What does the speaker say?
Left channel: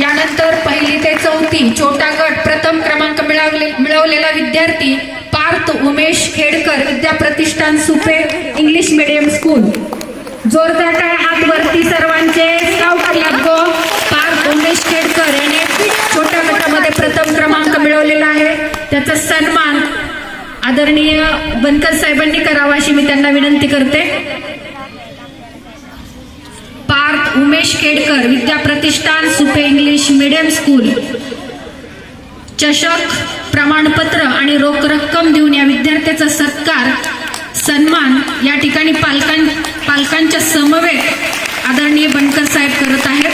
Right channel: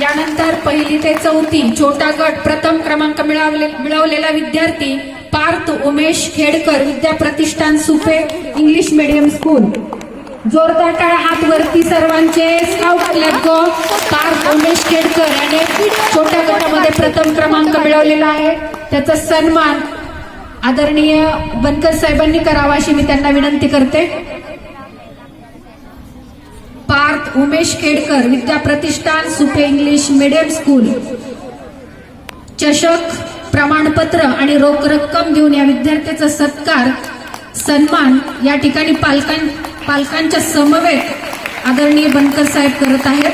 यानंतर पहिली ते चौथी छोटा गट प्रथम क्रमांक मिळवले मिळवलेला विद्यार्थी Parth Umesh Khedkar Vidya Pratishthan Supe English medium school. जोरदार काय हात वरती सर्वांचे गो पार्थ उमेश खेडकर याने छोट्या गटामध्ये प्रथम क्रमांक मिळवलेला आहे. त्याचा सन्मान आदरणीय बनकर साहेबांनी करावा अशी मी त्यांना विनंती करते. Umesh Kedkar Vidyapratishthan Supe English medium school. चषक प्रमाणपत्र आणि रोख रक्कम देऊन या विद्यार्थ्याचा सत्कार सन्मान या ठिकाणी पालकां पालकांच्या समवेत आदरणीय बनकर साहेब करत आहेत.